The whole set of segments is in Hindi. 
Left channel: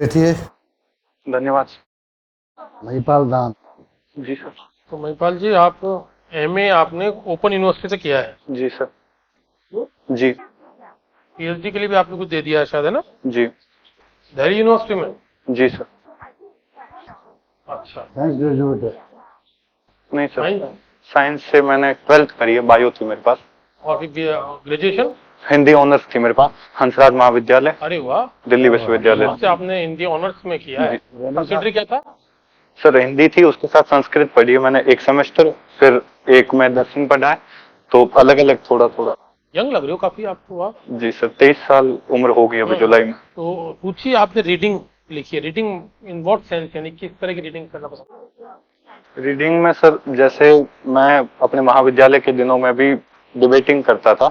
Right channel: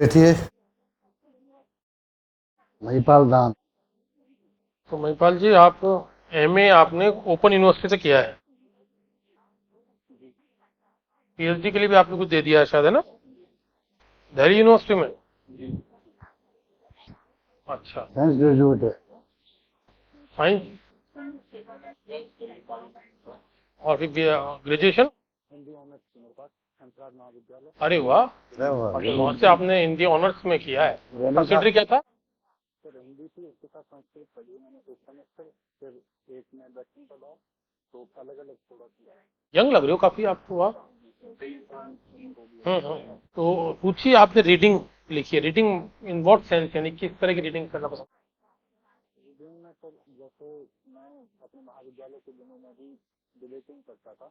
बैठिए। धन्यवाद। महिपाल दान। जी सर। तो महिपाल जी, आप एमए आपने ओपन यूनिवर्सिटी से किया है, जी सर। जी। पीएचडी के लिए भी आपने कुछ दे दिया है शायद, है ना? जी। दिल्ली यूनिवर्सिटी में? जी सर। अच्छा। साइंस ग्रेजुएट है। नहीं सर, साइंस? साइंस से मैंने 12th करी है, बायो थी मेरे पास। और फिर ग्रेजुएशन? हिंदी ऑनर्स थी मेरे पास, हंसराज महाविद्यालय, अरे वाह, दिल्ली विश्वविद्यालय। वहाँ से आपने हिंदी ऑनर्स में किया है। सब्सिडरी क्या था? सर हिंदी थी, उसके साथ संस्कृत पढ़ी है मैंने एक सेमेस्टर, फिर एक में दर्शन पढ़ा है, तो अलग अलग थोड़ा थोड़ा। यंग लग रहे हो काफी आपको आप। जी सर, 23 साल उम्र हो गई अभी जुलाई में। तो पूछिए, आपने रीडिंग लिखी है, रीडिंग इन व्हाट सेंस, यानी किस तरह की रीडिंग करना पसंद? रीडिंग में सर, जैसे मैं अपने महाविद्यालय के दिनों में भी डिबेटिंग करता था,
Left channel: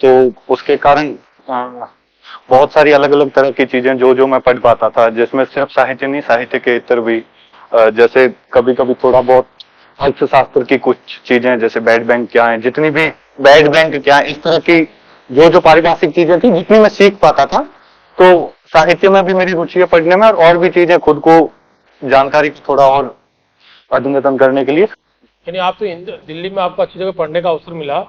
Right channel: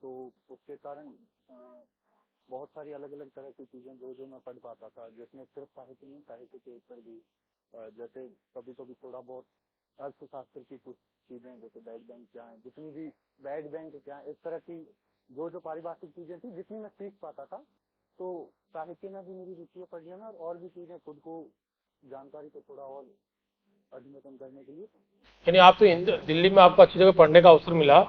तो उसके कारण बहुत सारी अलग अलग तरह की चीजें जो मैं पढ़ पाता था, जिसमें सिर्फ साहित्य नहीं, साहित्य के इतर भी, जैसे कभी कभी थोड़ा बहुत अर्थशास्त्र की कुछ चीजें, जैसे बैड बैंक क्या है, जितनी भी बैड बैंक क्या है, इस तरह की जो पारिभाषिक चीजें थी, जितनी मैं सीख पाता था, तो साहित्य में भी मेरी रुचि है पढ़ने में, और भी चीजें खुद को जानकारी को थोड़ा और अद्यतन करने के लिए। यानी आप तो दिल्ली में आपको अच्छी जगह पढ़ने का अवसर मिला,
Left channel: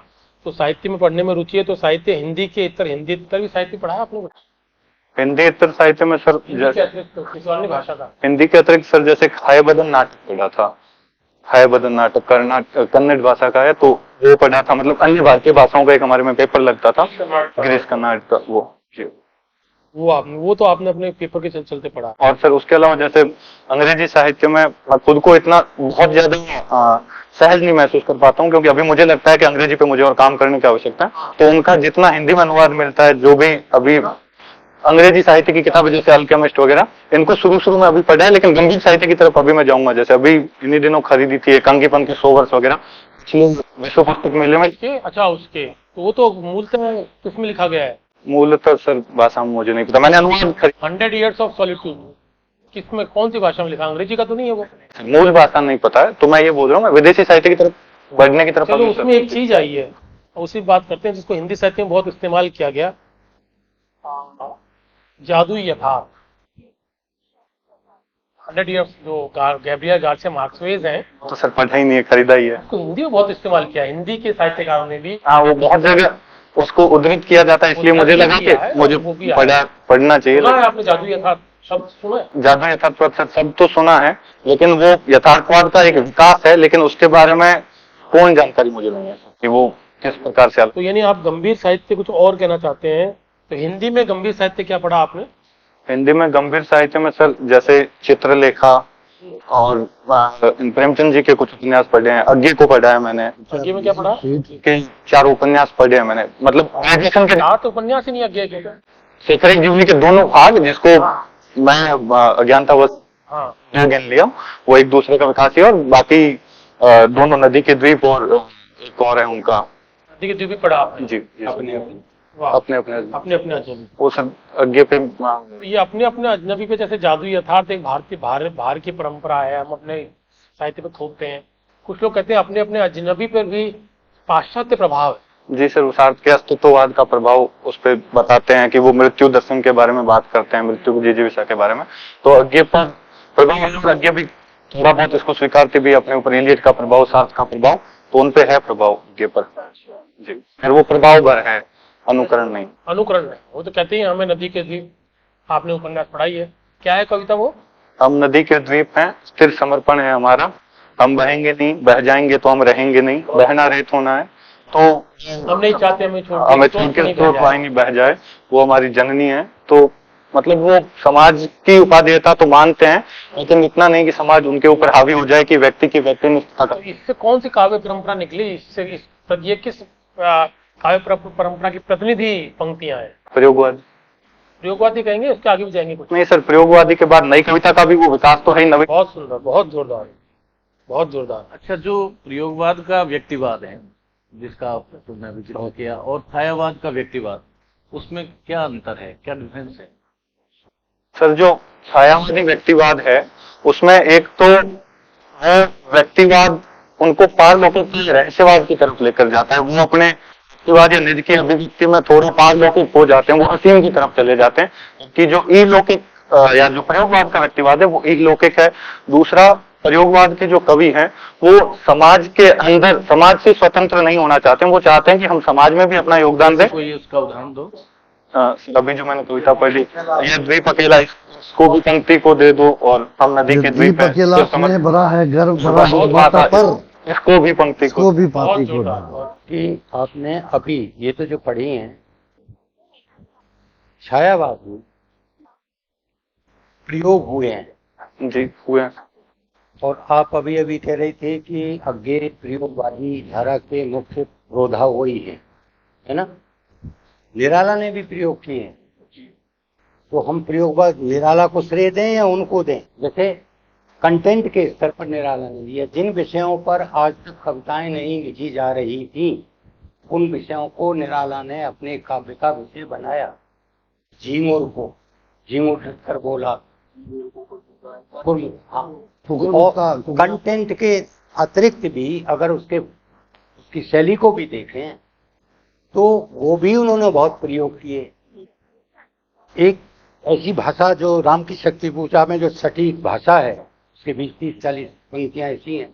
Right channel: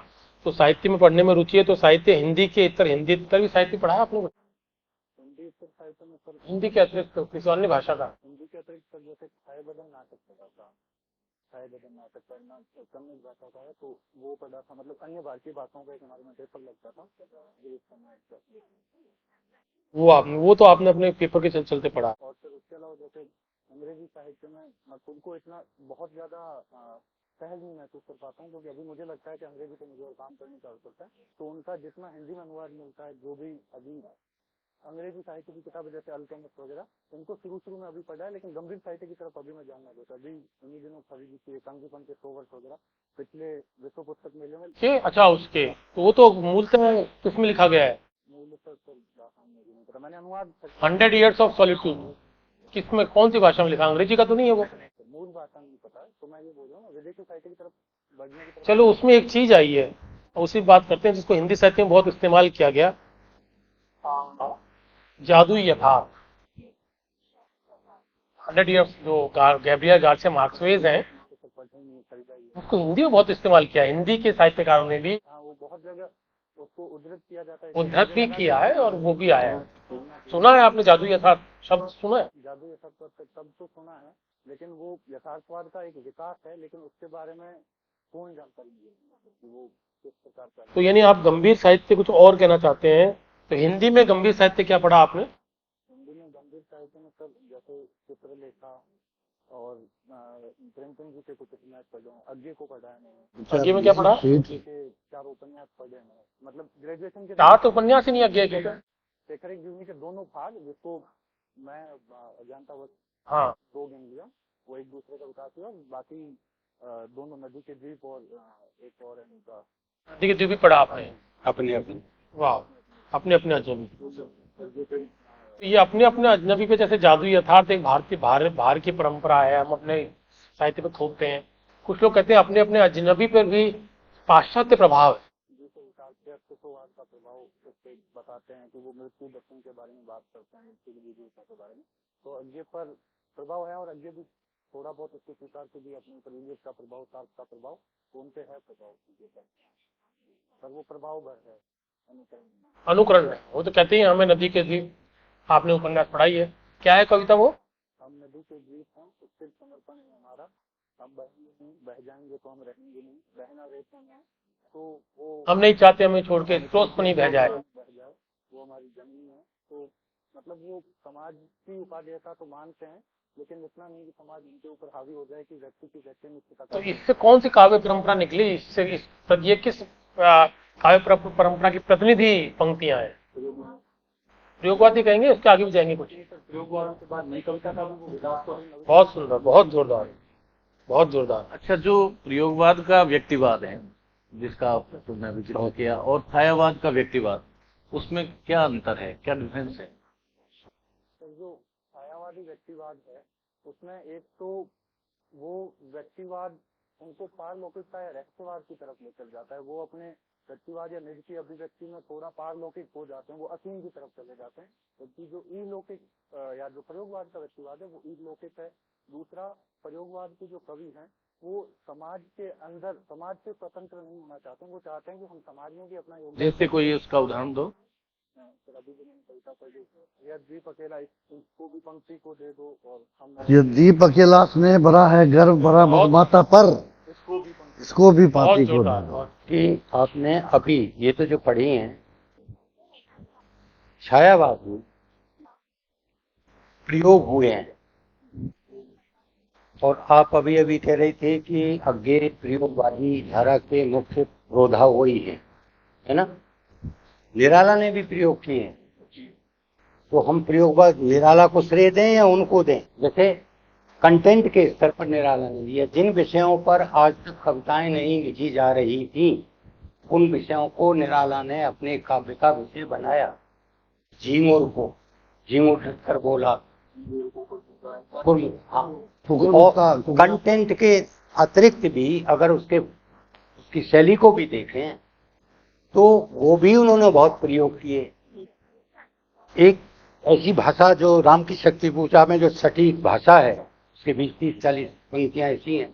तो साहित्य में पढ़ने में रुचि है, तो साहित्य हिंदी के इतर, हिंदी इतर भी साहित्य पढ़ा है आपने? हिंदी इतर साहित्य में सर, हिंदी के अतिरिक्त किसी अन्य भाषा का? हिंदी के अतिरिक्त सर, जैसे हाय बदन नाटक पढ़ा था, हाय बदन नाटक कन्नड़ भाषा का है, तो वो पढ़ा था। मतलब अन्य भारतीय भाषाओं का एक हमारे में पेपर लगता था, ग्रीस कर्नाटक का, वो तो आपने अपने पेपर के चलते पढ़ा। और सर उसके अलावा जैसे अंग्रेजी साहित्य में मैं खुद को इतना बहुत ज्यादा सहज नहीं महसूस कर पाता हूँ, क्योंकि अभी मुझे लगता है कि अंग्रेजी पे मुझे और काम करने की आवश्यकता है, तो उनका जितना हिंदी में अनुवाद मिलता है, जो भी अभी अंग्रेजी साहित्य की किताबें जैसे अल्केमिस्ट वगैरह, इनको शुरू में अभी पढ़ा है, लेकिन गंभीर साहित्य की तरफ अभी मैं जाऊंगा। जैसे अभी इन्हीं दिनों खरीदी थी एक अंकीपन के 100 वर्ष वगैरह, पिछले विश्व पुस्तक मेले में। अच्छा, उसके तो वो तो मूलतः किसमें लिखा गया है? मूलतः सर भाषा में मुझे नहीं पता, मैंने अनुवाद 100 Years of Solitude किसमें, कौन सी भाषा में लिखा? अंग्रेजी का तो नहीं है वो? मूल भाषा नहीं पता है, तो मैं ये बोल रहा हूँ, मैं विदेशी साहित्य की तरफ बढ़ने की तरफ। चलो, उसमें एक चीज आई है, उसी बात करते हैं, जिसको हिंदी साहित्य में बहुत इस्तेमाल किया गया, जादुई यथार्थ। 100 Years जो गैब्रियल गार्सिया मार्क्वेज हैं, तो सर पढ़ा ही नहीं है, खरीदा ही है। उसको हिंदी में बहुत इस्तेमाल किया, हिंदी के साहित्यकारों ने भी। हाँ, वो बहुत जगह उसको उद्धृत किया जाता है, इसलिए मुझे लगा कि मुझे वो भी पढ़ना चाहिए। सुना है आपने जादुई यथार्थ शब्द सुना है? जादुई यथार्थवाद सब तो सुना है, लेकिन वो यथार्थवाद का एक विकास है, लेकिन उसके बारे में कोई जानकारी मुझे नहीं है कि वो किस प्रकार से। तो यानी आप गंभीर साहित्य कुछ और कहना चाहते हैं, तो हिंदी में गंभीर साहित्य क्या पढ़ा आपने? हिंदी में गंभीर साहित्य में सर, जैसे चित्रलेखा और प्रेमचंद जी के कुछ उपन्यास पढ़े हैं, अज्ञे को पढ़ा है मैंने। अज्ञे में क्या पढ़ा? के 4 उपन्यास पढ़े हैं मैंने, मतलब ग्रेजुएशन के 4 उपन्यास ही नहीं अज्ञे के? शेखर जीवनी के दोनों भाग, जिसको मैं अज्ञानतावश ज्ञान लिया, वो एक दूसरे का विकास है, और बाकी दोनों नदी के द्वीप और एक और है उनका। नदी के द्वीप भी पढ़ा आपने? जी, अपने अपने अजनबी। वो सब अज्ञे पे। ये अपने अजनबी पे, जैसे जादुई यथार्थ एक भारत की परंपरा है, हम अपने साहित्य पे थोपते हैं। कुछ लोग कहते हैं अपने अपने अजनबी पर भी पाश्चात्य प्रभाव है। जी सर, उसार्थ के अस्तित्ववाद का प्रभाव उस पर बताते हैं कि वो मृत्यु दर्शन के बारे में बात करते हैं, मृत्यु की जिजीविषा के बारे में, तो अज्ञे पर प्रभाव, अज्ञे भी थोड़ा बहुत इसको स्वीकारते भी अपने ऊपर, एलियट का प्रभाव, सार्थ का प्रभाव, तो उन पे है प्रभाव अज्ञे पर। जी, फिर वो प्रभाव भर है, अनुकरण नहीं। अनुकरण नहीं, वो तो कहते हैं हमें नदी के द्वीप। आपने उपन्यास पढ़ाई है, क्या है कविता वो? हम नदी के द्वीप हैं, स्थिर समर्पण है हमारा, हम बहेंगे नहीं, बह जाएंगे तो हम रहेंगे नहीं, बहना रेत होना है, तो हम नहीं चाहते हमें छोड़ के नहीं बह जाए, वो हमारी जननी है। तो मतलब वो समाज की उपादेयता तो मानते हैं, लेकिन इतना नहीं कि समाज उनके ऊपर हावी हो जाए कि व्यक्ति की व्यक्तिनिष्ठता। तो इससे कौन सी काव्य परंपरा निकली? इससे ये किस काव्य परंपरा की प्रतिनिधि पंक्तियां हैं? प्रयोगवादी कहेंगे, उसके आगे भी जाएंगे कुछ? नहीं सर, प्रयोगवादी के बाद नई कविता का भी वो विकास तो है। नवी, बहुत सुंदर, बहुत जोरदार, बहुत जोरदार। अच्छा, जो प्रयोगवाद का व्यक्तिवाद है, जिसका तुमने भी जिक्र किया, और छायावाद का व्यक्तिवाद, उसमें क्या अंतर है, क्या डिफरेंस है? सर, जो छायावादी व्यक्तिवाद है, उसमें एक तो वो व्यक्तिवाद उनको पारलौकिक रहस्यवाद की तरफ लेकर जाता है। वो अपने व्यक्तिवाद या निज की अभिव्यक्ति में थोड़ा पारलौकिक हो जाते हैं, वो असीम की तरफ चले जाते हैं कि जो इलौकिक या जो प्रयोगवाद का व्यक्तिवाद है वो इलौकिक है। दूसरा, प्रयोगवाद के जो कवि हैं वो समाज के अंदर, समाज से स्वतंत्र नहीं होना चाहते हैं, वो चाहते हैं कि हम समाज में भी अपना योगदान दें। कोई उसका उदाहरण दो। अभी जो मैंने कविता पढ़ी, ये द्वीप अकेला, इसको भी पंक्ति को दे दो, और हम नदी ये के दीप अकेला स्नेह भरा है गर्व भरा है माता पर, इसको भी पंक्ति इसको भी बहुत पाती को जोरदार, डालो। बहुत। कि आपने अभी ये तो जो पढ़ी हैं छायावाद में प्रयोग हुए हैं, जी हुए हैं। और आप अभी अभी कह रहे थे कि आगे प्रयोगवादी धारा के मुख्य रोधा वही है ना? निराला ने भी प्रयोग किए हैं, तो हम प्रयोगवाद निराला को श्रेय दें या उनको दें? जैसे कंटेंट के स्तर पर निराला ने दिया, जिन विषयों पर आज तक कविताएं नहीं लिखी जा रही थी उन विषयों को निराला ने अपने काव्य का विषय बनाया। झिंगुर को झिंगुर कर बोला, हाँ। और कंटेंट के अतिरिक्त भी अगर उसकी शैली को भी देखें तो वो भी उन्होंने बहुत प्रयोग किए। एक ऐसी भाषा जो राम की शक्ति पूजा में जो सटीक भाषा है, उसके 20-30-40 पंक्तियां ऐसी हैं,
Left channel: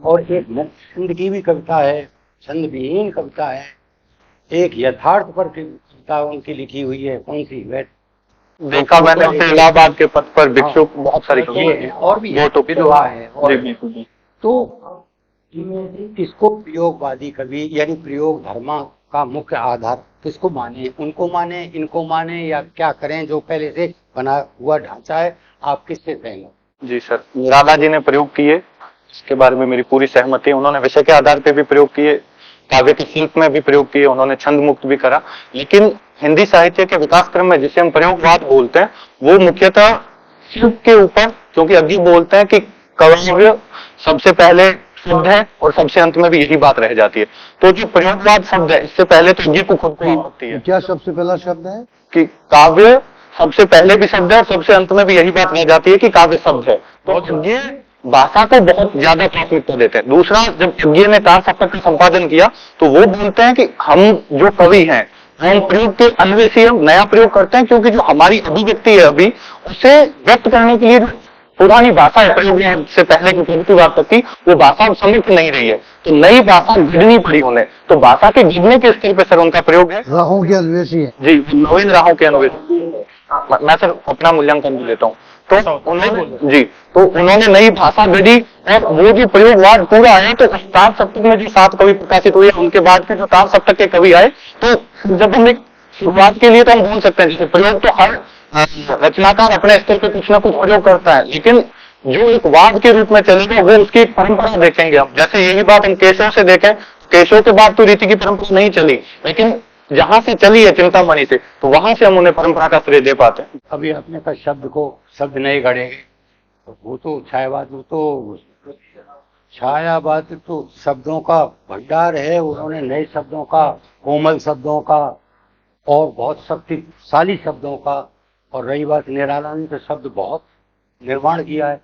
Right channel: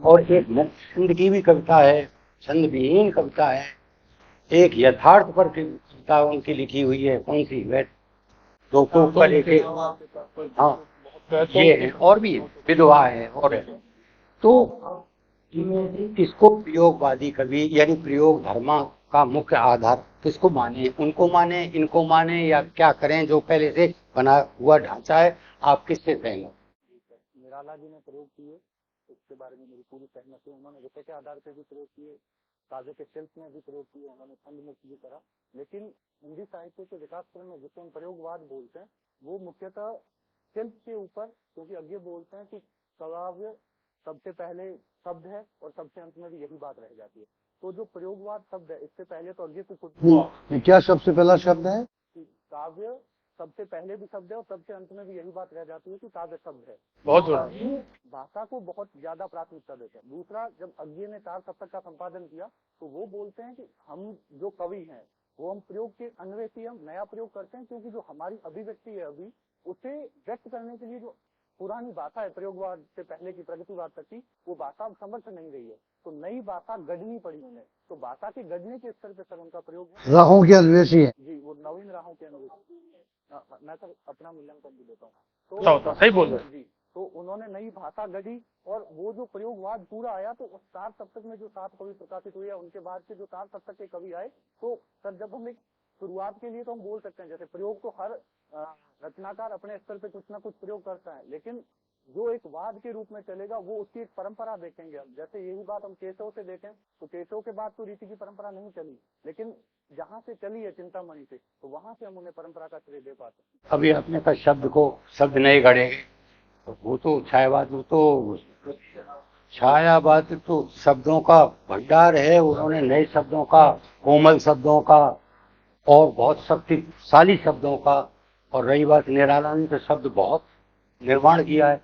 और एक छंद की भी कविता है, छंद विहीन कविता है, एक यथार्थ पर कविता उनकी लिखी हुई है, कौन सी? देखा मैंने इलाहाबाद के पथ पर भिक्षुक, बहुत सारी ये है, और भी है, विधवा है, और तो इसको प्रयोगवादी कवि यानी प्रयोग धर्म का मुख्य आधार किसको माने? उनको माने, इनको माने, या क्या करें? जो पहले से बना हुआ ढांचा है, आप किससे सहमत? जी सर, निराला जी ने प्रयोग किए, इसके बारे में मेरी पूरी सहमति है। उन्होंने विषय के आधार पे भी प्रयोग किए, काव्य के शिल्प में भी प्रयोग किए, उन्होंने छंद मुक्त भी करा। लेकिन हिंदी साहित्य के विकास क्रम में जिसे हम प्रयोगवाद बोलते हैं वो मुख्यतः शिल्प के ऊपर, क्योंकि अग्गी बोलते हैं कि काव्य सबसे पहले शब्द है और सबसे अंत में भी यही बात रह जाती है। तो जो प्रयोगवाद शब्द है, इससे पहले तो ये को खुद को होती है क्या सबसे पहला शब्द है कि काव्य सबसे पहले भी शब्द है और सबसे अंत में भी यही बात रह जाती है कि काव्य शब्द है। बहुत ये भाषा को बहुत ज्यादा प्राथमिकता देते हैं। दूसरा, जब यज्ञ ने तार सप्तक का संपादन किया तो वो बोलते हैं कि हम जो कवि हैं हम प्रयोग के अन्वेषी, हम नया प्रयोग करते हैं, क्योंकि जो हमारी अभिव्यक्ति है अभी उसे व्यक्त करने के लिए जो पुरानी भाषा है प्रयोग से पहले की प्रगतिवाद तक की, वो भाषा समृद्ध नहीं रही है, तो नई भाषा गढ़नी पड़ी उन्हें। तो भाषा के गिरने के स्तर पे सर उनका प्रयोग है। राहों के अन्वेषी है जी, नवीन राहों के अन्वेषी। मैं सर अपना मूल्यांकन भी लेता हूँ, तो नहीं बोल जी, तो उन्होंने नई भाषा गढ़ी, और वो जो प्रयोगवाद पूरा आया तो उस तार सप्तक में जो 7 कवि प्रकाशित हुए, उनके बाद के जो तार सप्तक के कवि आए, तो जब हम एक शुरुआत के लिए तो हम बोल सकते हैं जैसे प्रयोग तो हर रचनाकार अपने स्तर पे कुछ ना कुछ प्रयोग करता है, लेकिन जो एक वाद के रूप में चलेगा वो उसकी एक परंपरा देखेंगे हम। जैसे यही बात हम केशव से देखें, केशव के बाद तो रीति की परंपरा नहीं चली, लेकिन जहां से चली है चिंतामणि से, तो वहां से हम उन्हें परंपरा का श्रेय दे पाते हैं। अभी आपने कहा शब्द नहीं गढ़ेंगे, तो वो तो छायावाद, वो तो छायावाद तो शब्दों का भंडार है। उन्होंने नए शब्दों का, कोमल शब्दों का और बहुत शक्तिशाली शब्दों का, और रही बात निराला ने तो शब्द बहुत निर्माण किया है,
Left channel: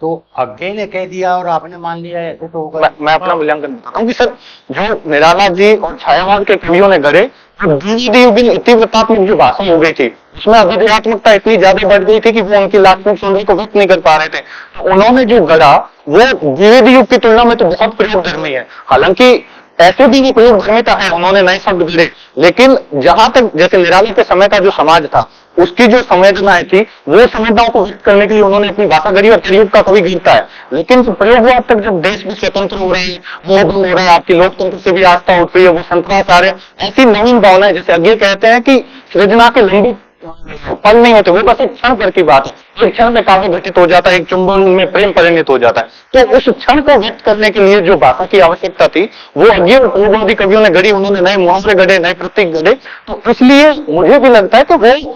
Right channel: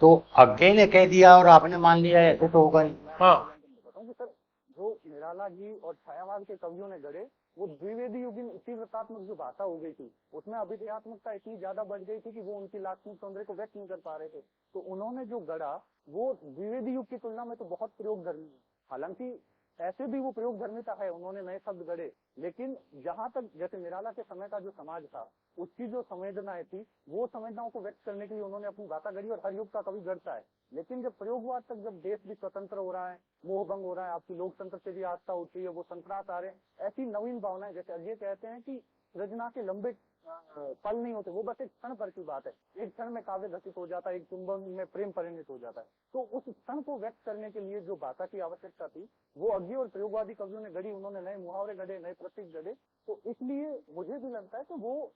तो अज्ञे ने कह दिया और आपने मान लिया, ऐसे तो होगा। मैं अपना मूल्यांकन बताता हूँ कि सर जो निराला जी और छायावाद के कवियों ने गढ़े, तीव्रतात्मक जो भाषा हो गई थी उसमें अभिधेयात्मकता इतनी ज्यादा बढ़ गई थी कि वो उनकी लाक्षणिक सौंदर्य को व्यक्त नहीं कर पा रहे थे, तो उन्होंने जो गढ़ा वो द्विवेदी युग की तुलना में तो बहुत प्रयोगधर्मी है। हालांकि ऐसे भी वो प्रयोगधर्मिता है, उन्होंने नए शब्द गढ़े, लेकिन जहां तक जैसे निराला के समय का जो समाज था उसकी जो संवेदनाएं थी वो संवेदनाओं को व्यक्त करने के लिए उन्होंने अपनी भाषा गढ़ी, और कलयुग का कवि गिरता है। लेकिन प्रयोगवाद तक जब देश भी स्वतंत्र हो रहे हैं, मोह भंग हो रहा है, आपकी लोकतंत्र से भी आस्था उठ रही है, वो संतरास आ रहे हैं, ऐसी नवीन भावनाएं, जैसे अज्ञे कहते हैं कि सृजना के लंबी पल नहीं होते, वो बस एक क्षण भर की बात है, एक क्षण में काव्य घटित हो जाता है, एक चुंबन में प्रेम परिणित हो जाता है। तो उस क्षण को व्यक्त करने के लिए जो भाषा की आवश्यकता थी वो अज्ञे और प्रयोगवादी कवियों ने गढ़ी, उन्होंने नए मुहावरे गढ़े, नए प्रतीक गढ़े। तो इसलिए मुझे भी लगता है कि वो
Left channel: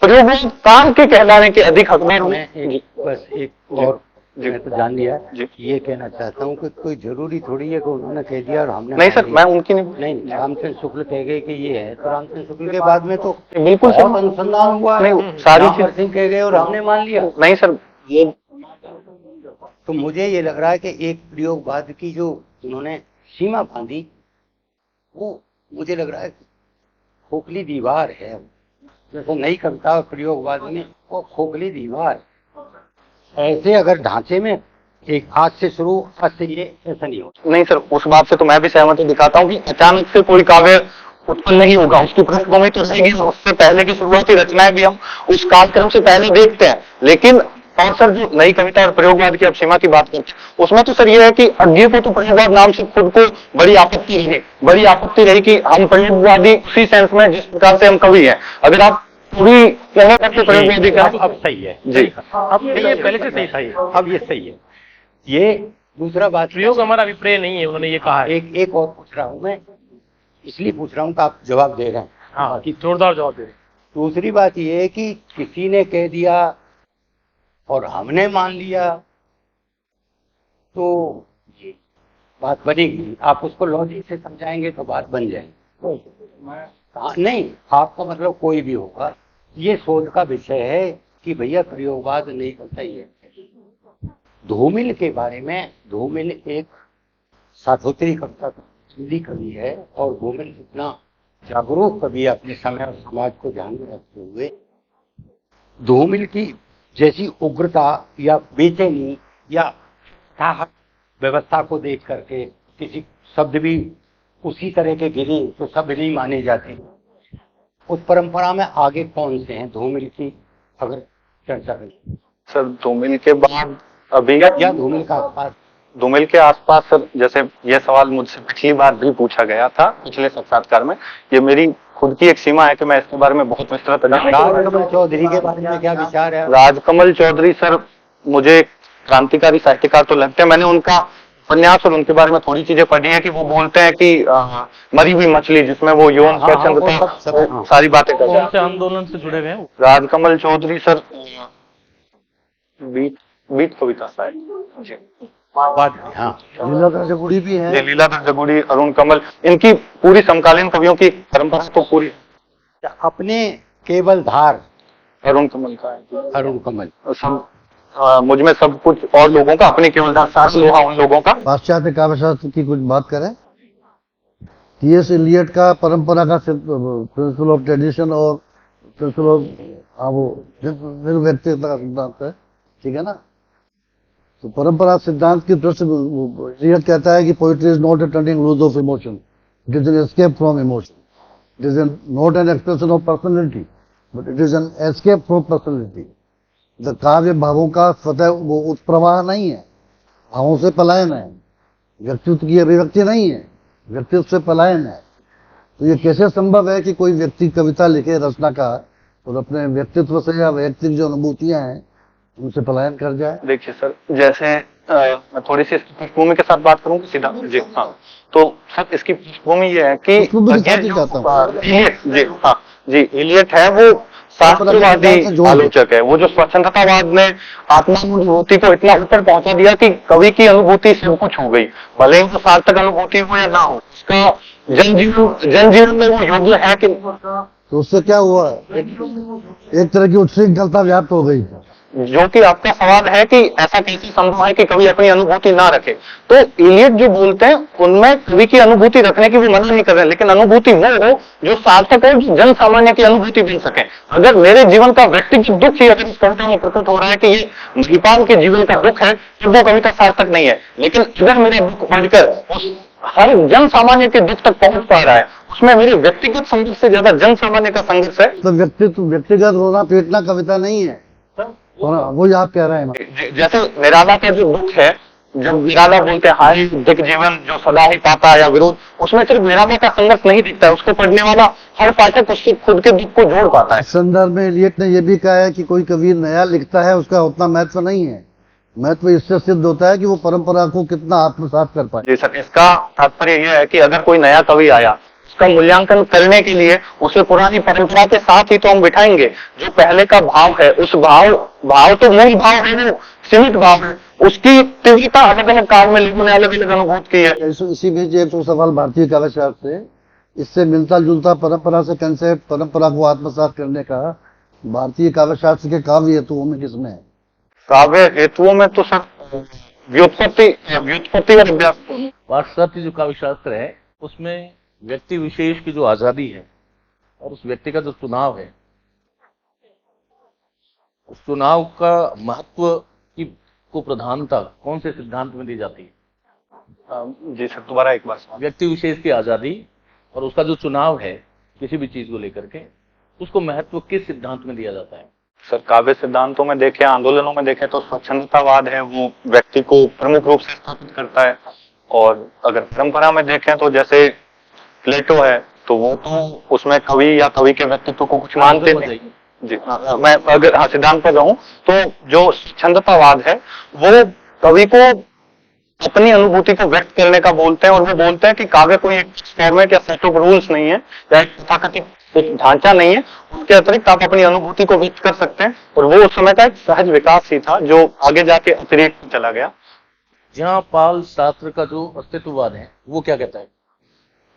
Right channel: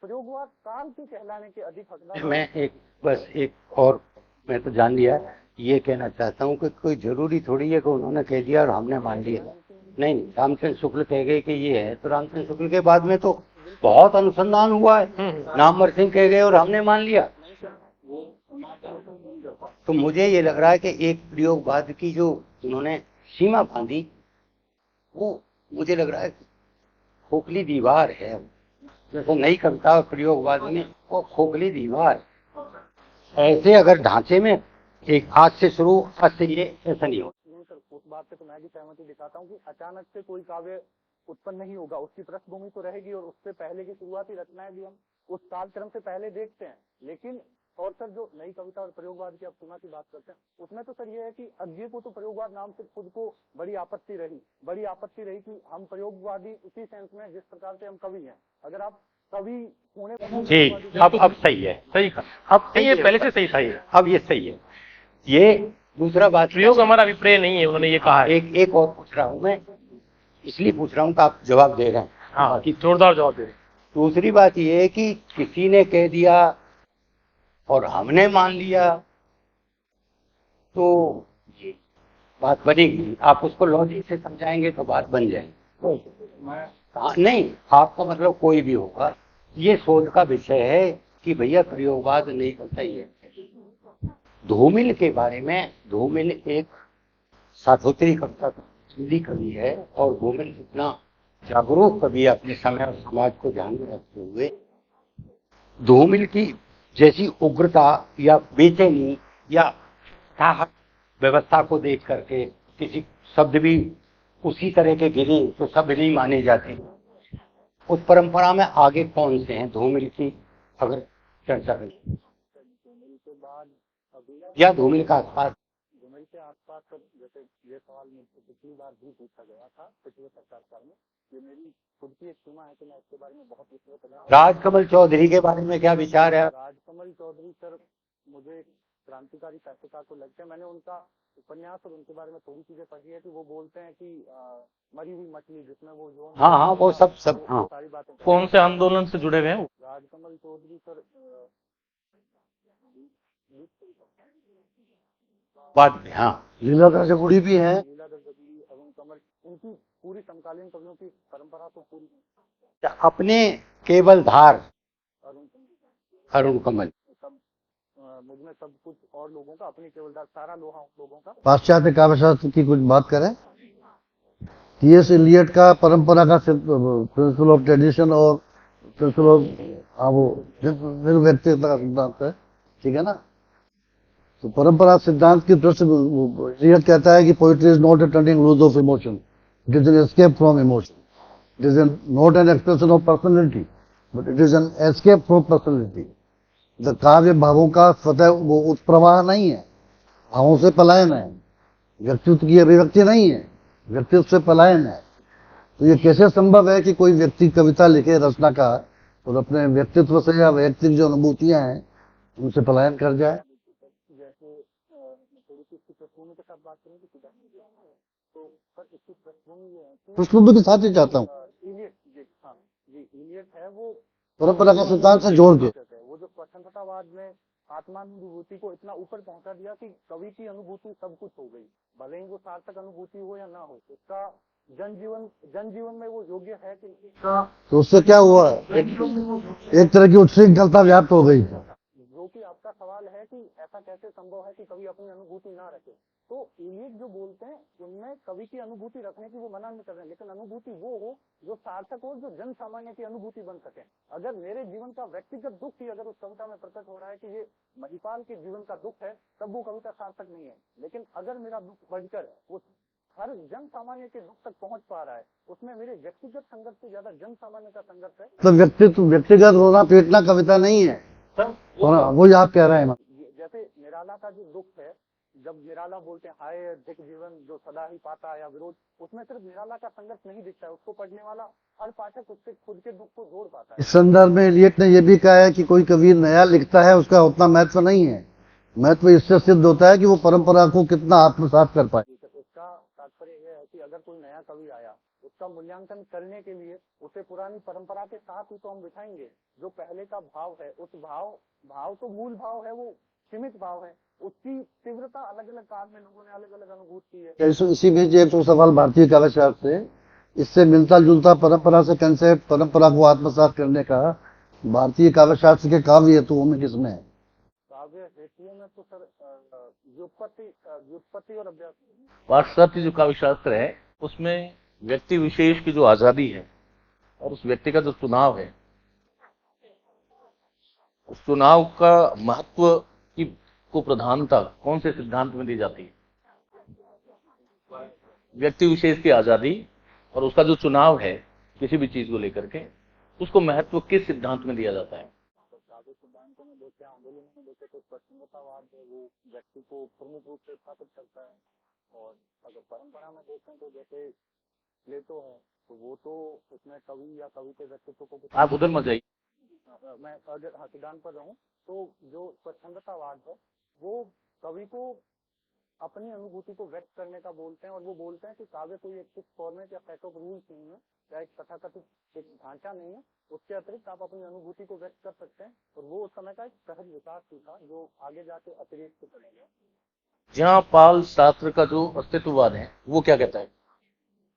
प्रयोगवाद काल के कहलाने के अधिक हकदार। मैं एक और मैं तो जान लिया, ये कहना चाहता हूँ कि कोई जरूरी थोड़ी है कि उन्होंने कह दिया और हमने नहीं सर, मैं उनकी नहीं, रामचंद्र शुक्ल कह गए कि ये है, तो रामचंद्र शुक्ल के बाद में तो बिल्कुल बहुत अनुसंधान हुआ है, रामवर सिंह कह गए और हमने मान लिया। नहीं सर, ये तो मुझे ये लग रहा है कि एक प्रयोगवाद की जो उन्होंने सीमा बांधी वो मुझे लग रहा है खोखली दीवार है। जैसे नई कविता और प्रयोगवाद में वो खोखली दीवार, ऐसे अगर ढांचे में एक आज से शुरू, आज से ये ऐसा नहीं होता। नहीं सर, उस बात से तो मैं भी सहमति दिखाता हूँ कि अचानक से कोई काव्य उत्पन्न नहीं होगा, उसकी पृष्ठभूमि तो रहेगी, उससे पहले की शुरुआती रचनाएं भी हम उस कालक्रम से पहले देखते हैं। लेकिन और सर जो नई कविता और प्रयोगवाद की आप सीमा की बात करते हैं, उसमें तो सर ये है कि अज्ञे को तो प्रयोगवाद नाम से खुद को बड़ी आपत्ति रही कि हम प्रयोगवादी उसी सेंस में जिस प्रकार से हम कवि हैं। अगर आप पूरी प्रयोगवादी अब सही है, जी, अब ये पहले से सही था, ये अब ये सही है। ये दूसरा बात, प्रयोग हमारा अभिप्राय नहीं है, उन्होंने ये कहा है। एक और पूछ रहा हूँ मैं, इसलिए पूछ रहा हूँ कि आप जवाब दे रहे हैं। हाँ, कि जोरदार जवाब दे रहे हैं। दूसरी बात ये है कि किसी ने कह दिया और हमने मान लिया तो ये बात बनेगी। आप उसको लॉजिक से समझाएंगे तो बात बन जाएगी। नहीं, आपका मतलब कोई भी होगा, ये शोध का विषय है कि भैया प्रयोगवाद नहीं करता। ये धूमिल के बारे में, धूमिल एक साधोत्री कविता हिंदी कवि है और धूमिल इतना जागरूक कवि है अपने समय और समाज को ध्यान में रखते हुए। धूमिल की जैसी उग्रता या बेचैनी या ताहत व्यवस्था को देख करके किसी शब्द भी उसी तरह के गिरे तो शब्द नहीं माने जाते। उस परंपरा में आगे कौन से हैं धूमिल की अगर चर्चा करें? सर धूमिल के बाद अभी या धूमिल का आसपास, धूमिल के आसपास सर, जैसे यह सवाल मुझसे पिछली बार भी पूछा गया था पिछले साक्षात्कार में, ये मेरी खुद की एक सीमा है कि मैं इसके बारे में बहुत विस्तृत राजकमल चौधरी के बारे में क्या विचार है? राजकमल चौधरी सर मुझे क्रांतिकारी साहित्यकार तो लगते हैं। मैंने उनका उपन्यास और उनके बारे में थोड़ी चीजें पढ़ी है कि वो बोलते हैं कि मरी हुई मछली, जिसमें वो यौन सारी बातें कर कौन से आंदोलन से जुड़े हुए हैं? राजकमल चौधरी सर बीट कविता शायद, हाँ, लीलाधर जगुड़ी भी है। लीलाधर जगुड़ी, अरुण कमल, इनकी पूरी समकालीन कवियों की परंपरा तो पूरी अपने केवल धार अरुण कमल का है। अरुण कमल, सब मुझ में सब कुछ और लोगों का, अपने केवल सास लोहा उन लोगों का। पाश्चात्य काव्यशास्त्र की कुछ बात करें, टी.एस. इलियट का परंपरा का प्रिंसिपल ऑफ ट्रेडिशन और प्रिंसिपल ऑफ वो व्यक्तिगत का सिद्धांत है, ठीक है ना। तो परंपरा सिद्धांत की दृष्टि इलियट कहता है कि poetry is not a turning loose of emotion, it is an escape from emotion, it is not an expression of personality but it is an escape from personality. The काव्य भावों का स्वतः वो उत्प्रवाह नहीं है, भावों से पलायन है, व्यक्तित्व की अभिव्यक्ति नहीं है, व्यक्तित्व से पलायन है। तो ये कैसे संभव है कि कोई व्यक्ति कविता लिखे रचनाकार और अपने व्यक्तित्व से या वैयक्तिक जो अनुभूतियां हैं उनसे पलायन कर जाए? देखिए सर, जैसे मैं थोड़ी सी इसकी पृष्ठभूमि के साथ बात करूंगा सीधा जी। हाँ, तो सर इसकी पृष्ठभूमि ये है कि जी इलियट है वो शास्त्रवादी आलोचक है, वो जो स्वतंत्रतावाद ने आत्मानुभूति को इतना ऊपर पहुंचा दिया कि कवि की अनुभूति सब कुछ हो गई, भले ही वो सार्थक अनुभूति हो या ना हो, उसका जनजीवन में वो योग्य है कि। तो उससे क्या हुआ? एक तरह की उच्छृंखलता व्याप्त हो गई। जो कि आपका सवाल है कि ऐसा कैसे संभव है कि कवि अपनी अनुभूति ना रखे, तो इलियट जो बोलते हैं उनमें कवि की अनुभूति रखने की वो मना नहीं कर रहे, लेकिन अनुभूति वो हो जो सार्थक हो, जो जन सामान्य की अनुभूति बन सके। अगर मेरे जीवन का व्यक्तिगत दुख ही अगर इस कविता में प्रकट हो रहा है कि ये महिपाल के जीवन का दुख है, तो वो कविता सार्थक नहीं है। लेकिन अगर मेरे दुख पढ़कर उस हर जन सामान्य के दुख तक पहुंच पा रहा है, उसमें मेरे व्यक्तिगत संघर्ष से ज्यादा जन सामान्य का संघर्ष है। तो व्यक्तिगत रोना पीटना कविता नहीं है, वो आप कह रहे हैं। जैसे निराला के जो दुख है, जब निराला बोलते हैं हाय दिख जीवन जो सदा ही पाता या विरोध, उसमें सिर्फ निराला का संघर्ष नहीं दिखता है, उसको पढ़ने वाला हर पाठक उसके खुद के दुख को जोड़ पाता है। इस संदर्भ में इलियट ने यह भी कहा है कि कोई कवि नया लिखता है उसका उतना महत्व नहीं है, महत्व इससे सिद्ध होता है कि वो परंपरा को कितना आत्मसात कर पाए। जी सर, इसका तात्पर्य यह है कि अगर कोई नया कवि आया, उसका मूल्यांकन करने के लिए उसे पुरानी परंपरा के साथ ही तो हम बिठाएंगे। जो पहले का भाव है, उस भाव तो मूल भाव है, वो सीमित भाव है, उसकी तीव्रता अलग अलग काल में लोगों ने अलग अलग अनुभूत की है। इसी बीच एक तो सवाल भारतीय काव्यशास्त्र से, इससे मिलता जुलता परंपरा से कंसेप्ट, परंपरा को आत्मसात करने का भारतीय काव्यशास्त्र के काव्य हेतुओं में किसमें है? काव्य हेतुओं में तो सर व्युत्पत्ति और अभ्यास। पाश्चात्य जो काव्य शास्त्र है उसमें व्यक्ति विशेष की जो आजादी है और उस व्यक्ति का जो चुनाव है, उस चुनाव का महत्व की को प्रधानता कौन से सिद्धांत में दी जाती है? जी सर, दोबारा एक बार। व्यक्ति विशेष की आजादी और उसका जो चुनाव है किसी भी चीज को लेकर के, उसको महत्व किस सिद्धांत में दिया जाता है? सर, काव्य सिद्धांतों में देखें, आंदोलनों में देखें तो स्वच्छंदतावाद है वो व्यक्ति को प्रमुख रूप से स्थापित करता है। और अगर परंपरा में देखें तो जैसे प्लेटो है, तो वो तो उसमें कवि या कवि के व्यक्तित्व को कुछ मानते नहीं। जी हाँ, मैं अगर सिद्धांत पर रहूं तो जो स्वच्छंदतावाद है वो कवि को अपनी अनुभूति को व्यक्त करने का बोलते हैं, और वो बोलते हैं कि काव्य कोई एक फॉर्मेट या सेट ऑफ रूल्स नहीं है या एक तथाकथित एक ढांचा नहीं है, उसके अतिरिक्त आप अपनी अनुभूति को व्यक्त कर सकते हैं। और वो उस समय का एक सहज विकास ही था जो आगे जाके अतिरिक्त चला गया। जहां पाल सार्त्र का जो अस्तित्ववाद है वो क्या कहता है?